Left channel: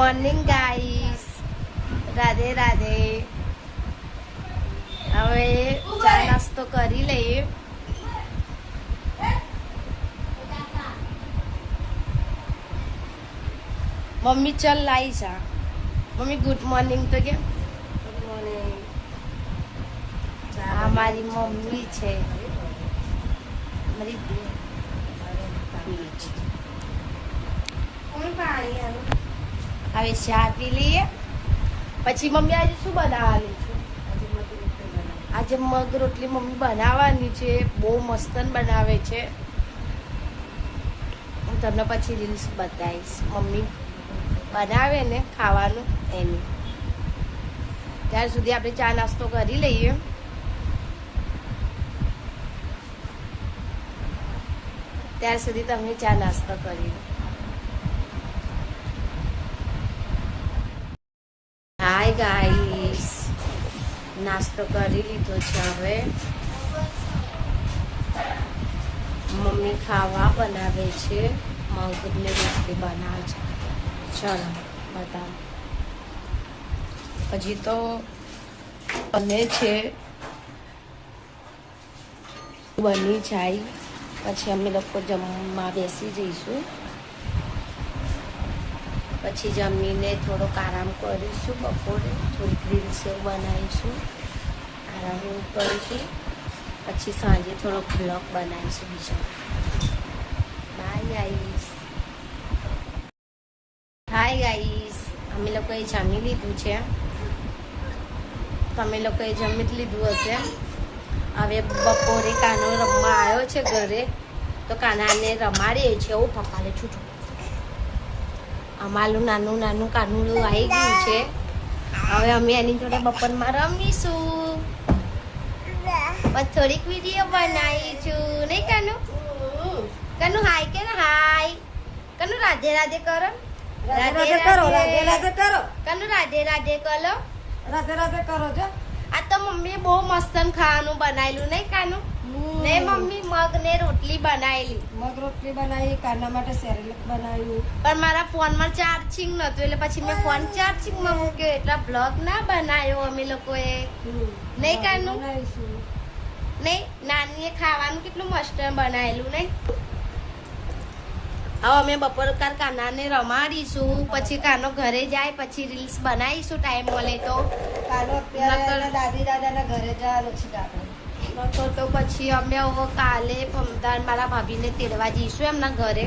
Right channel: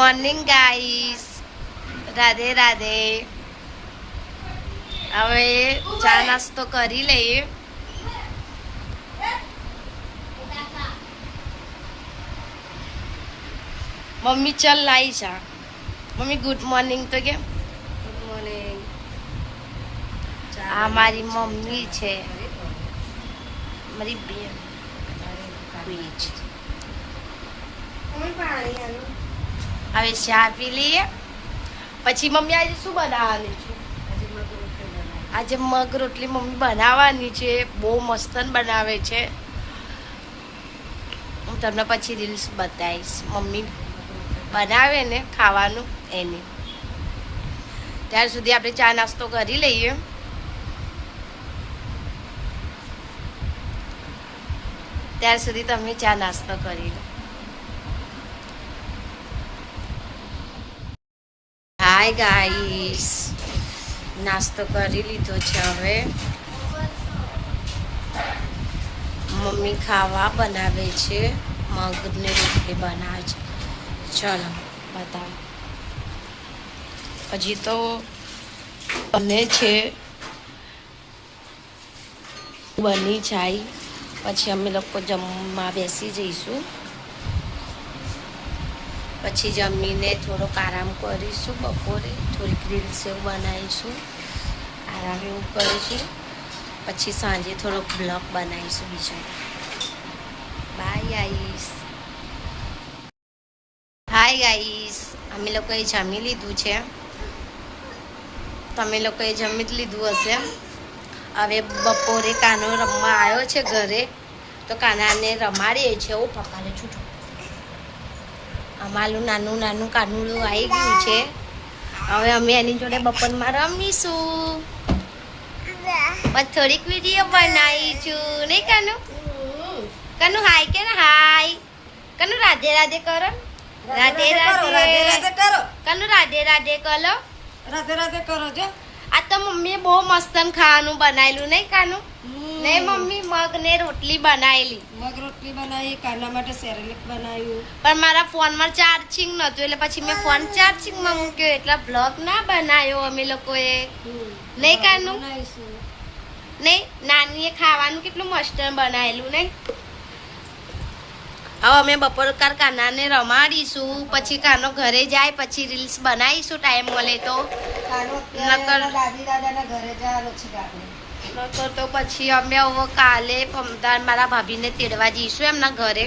Morning guys, Radhe Radhe. હવે ચા નાસ્તો કરી લઈએ. મમ્મી ચલ લાઈ ચા. મમ્મી ગુડ મોર્નિંગ તો કેમ? Good morning. આ મારી મમ્મી છે, મારી બેન. હવે ચા પી લઈએ. પછી મમ્મી આજે શું બનાવવાની છે? આજે મગ રોટલી મમ્મી બનાવવાની છે. બહુ મસ્ત બનાવે છે. હું તમને પછી રીલ્સ બતાવીશ મમ્મી બનાવે ને ખાવાનું એની. ત્યાર સુધી આપણે ચા નાસ્તો કરી લઈએ. ત્યાર સુધી તમે ચા નાસ્તો કરી લો. હાય ગાઈસ, નાસ્તો કરી લીધો છે. હવે મમ્મી ખાવા બનાવે છે, મગની રોટલી બનાવે છે. ચલો બતાવો. હજી તો બને છે, બની જાય પછી અમે લોકો જમવા બેસી જઈશું. પછી જમીને થોડોક આરામ કરીશું. બપોરે થોડીક રીલ્સ એવું બનાવીશું, આરામ એવું કરીશું. પછી સાંજે થોડોક બ્લોગ બનાવીશું બીજો. Bye guys. હાય ગાઈસ, અમે લોકોએ જમી લીધું છે. તમે લોકોએ જમી જ લીધું હશે. હવે બપોરે કાનો રમવા આવ્યો છે ઘરે, તો કાનાને રમાડીએ છે. ઓ પપ્પાને છૂટું. અમારું નાનું નાનું કાનુડું આવી ગયું છે. હવે અમે એની જોડે બપોરમાં રમીશું. બસ થોડીક વિડીયો બનાવીશું નહીં કાનુ? કાનુ હાય કે ને હાય. કાનુ રાધે રાધે કરો. રાધે રાધે કરો. કાનુ રાધે રાધે કરો. રાધે રાધે કરો જો. આ તો મમ્મીએ બહુ મસ્ત ખાવાનું બનાવેલું નહીં કાનુ? નહીં મમ્મી, મગ ને રોટલી બનાવેલી. મગ રોટલી બનાવી, કાના માટે સેરેલેક બનાવ્યું. પણ મારા ફોનમાં ચાર્જિંગ નહોતું, એટલે પછી મેં ફોન ચાર્જિંગમાં મૂક્યો, એટલે બ્લોગ ના બનાવ્યો અમે લોકોએ. નહીં કાનુ? બનાવીશું. નહીં, નાનીએ ખાવાનું કેટલું મસ્ત બનાવેલું નહીં? હવે અમે બપોર કાનાને રમાડીશું. પછી કાનો ઘરે જાય પછી રીલ્સ બનાવીશું ટાઈમ મળે તો. કાનો અત્યારે દાદી દાદાના ઘરે જવાનું છે આપણે. નકર તો પછી અમે હવે કાલે મારા ભાભીને તેડવા જઈશું એમના ઘરે.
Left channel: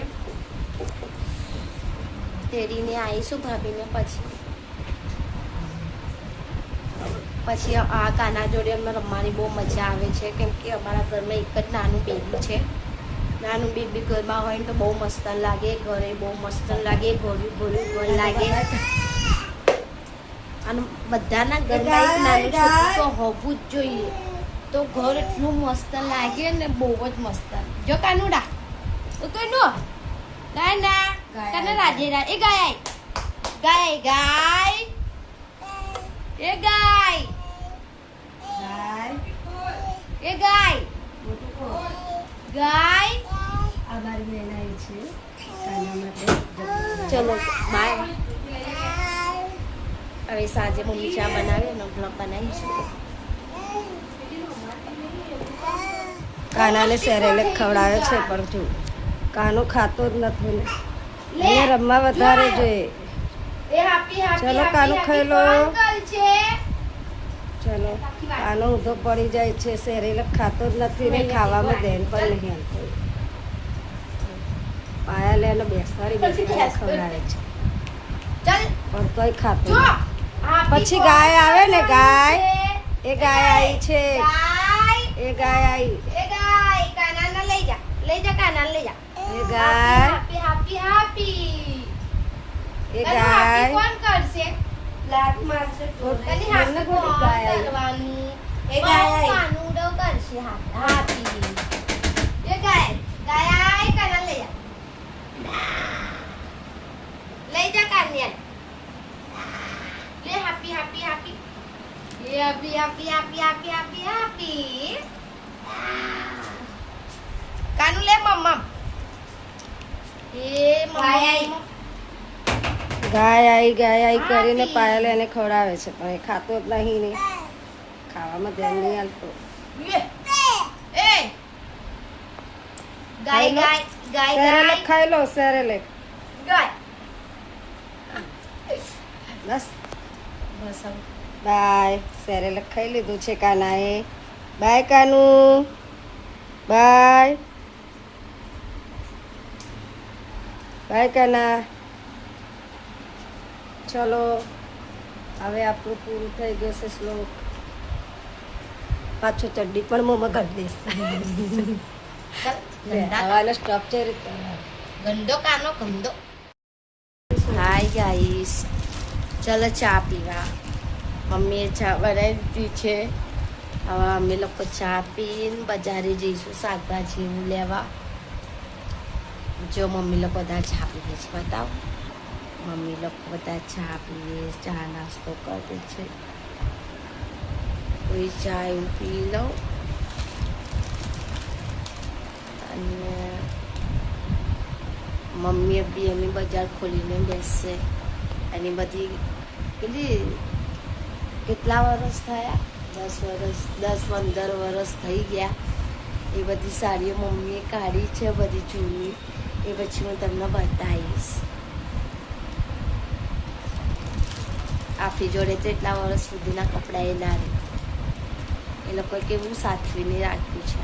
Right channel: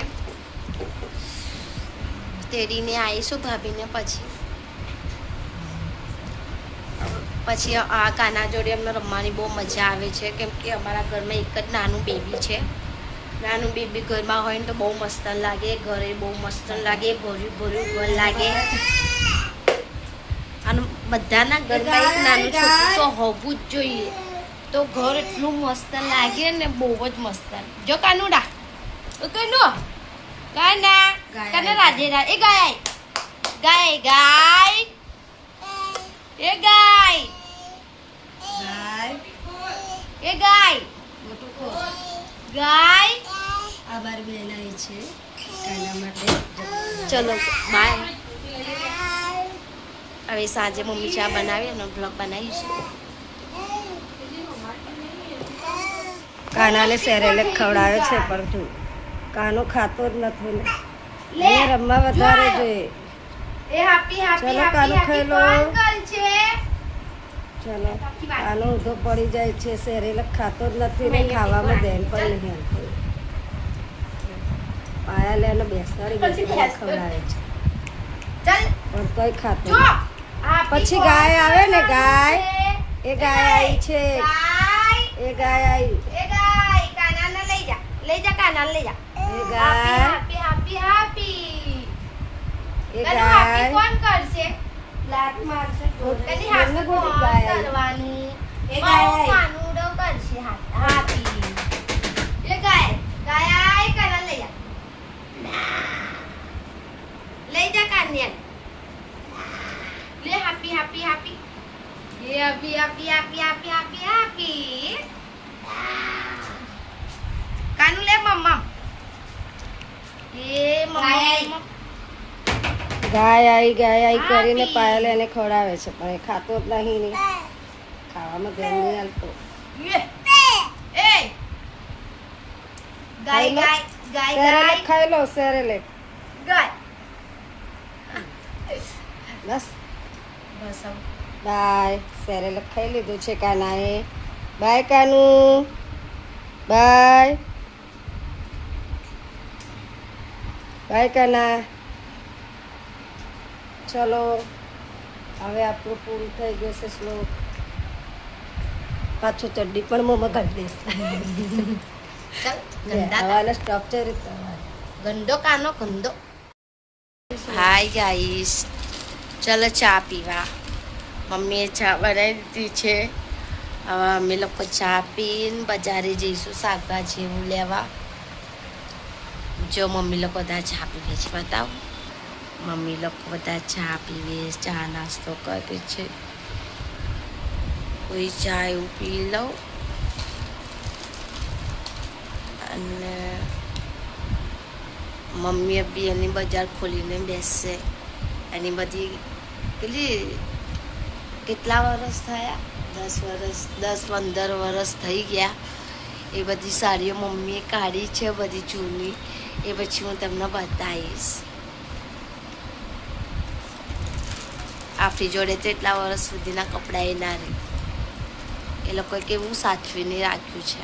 તેડીને આવીશું ભાભીને. પછી આ કાના જોડે અમને રમવાની બહુ મજા આવે છે, કેમ કે અમારા ઘરમાં એક જ નાનું બેબી છે. નાનું બેબી ઘરમાં હોય ને તો બહુ મસ્ત લાગે. ઘરે બહુ મસ્ત લાગે, ભર્યું ભર્યું ઘર લાગે. અને બધાના ઘરમાં એક નાનું છોકરું તો હોવું જ જોઈએ, તો ઘર એટલું મસ્ત લાગે ને, બહુ જ મસ્ત. જો કાનુડા, કાનુ કાના કાના રાધે રાધે. એ ગાય ગાય ગાય એ ગાય ગાય એ ગાય મોટું કો ગાય. આ બાર બેન આવી છે કાના માટે. ચલો બાય. હવે સાંજે મમ્મી ચા બનાવી અને બ્લોગ બનાવીશું. કાનાને સેરેલેક ખવડાવે છે, પણ જો કાનો ખાતો જ નથી ને. એને રમવા વધારે જોઈએ. ચલો કાનો ખાઈ લો. ચલો કાનો ઊંધો પડી જાય છે, સેરેલેક ખાતો જ નથી ને, ખાવામાં ધ્યાન પણ નહીં આપતું. પાયા લેને બેસાડી ખવડાવે છે, પણ કઈ ખાતો નથી. પછી ગાય આવે ને, ગાય એ ગાય આવી છે. એ ગાય આવી. એ ગાય કાનાને લઈ જા, લઈ જા કાનાને લઈ જા. એ ગાય હેપી હેપી હેપી. એ ગાય કોણ કરશે? લાત મારશે. કની એમને હાથ કોઈ કોણ ગાય આવી. કરવાનું? એ ગાય આવી. કાનુડો કરશે હેપી. એ ગાય ગાય આય કાનાને લઈ જા. લઈ જા કાન્યાને. લે happy happy happy. Happy happy happy happy happy happy. કાનુ લે મમ્મા. એ મમ્મા ગાય આવી કરીને પાયલ એને ખવડાવે છે પણ એ ખાતો જ નહીં ખાવામાં ધ્યાન નહીં હાલતો ખાઈ લો સેરેલેક ખાઈ લો સેરેલેક બસ બાય સેરેલેક ખાઈ લીધું છે કાનાએ બાય કાનું બાય બાય કાના ચલો હવે આપણું પૂરું થઈ ગયું છે શ્લોક પાછું ચડ્ડી પણ મોંમાં કાઢી દઈશ હવાનો સ્ટોપ છે ગંદો કાનો ગંદો. હાય ગાઈસ, ચલો ચા પીવા. મમ્મીએ ચા બનાવી દીધી છે. હવે અમે લોકો ચા પીને બજારે જઈશું શાકભાજી એવું લેવા. જો મમ્મી લોકો બધા ચા પીવે છે, બતાવો. મમ્મી લોકો બધા ચા પીવે, ચા નાસ્તો કરે છે. કોઈ ચા એવું પી લઉં અને મમ્મીએ બી એની બજાર ખોલીને બેસશે. એની બધી પેલી કેટલા વર્ષ થયા? 10-15 વર્ષ થઈ ગયા. એ બધી સાડીઓ મમ્મીએ કાઢી છે, બધી જૂની. એ પછી હું તમને બતાવીશ. આપણી જોડે તો એટલા વર્ષ સુધીના કપડાં એ ના રહે. એ લોકોએ કેવું સાચવીને રાખ્યું છે.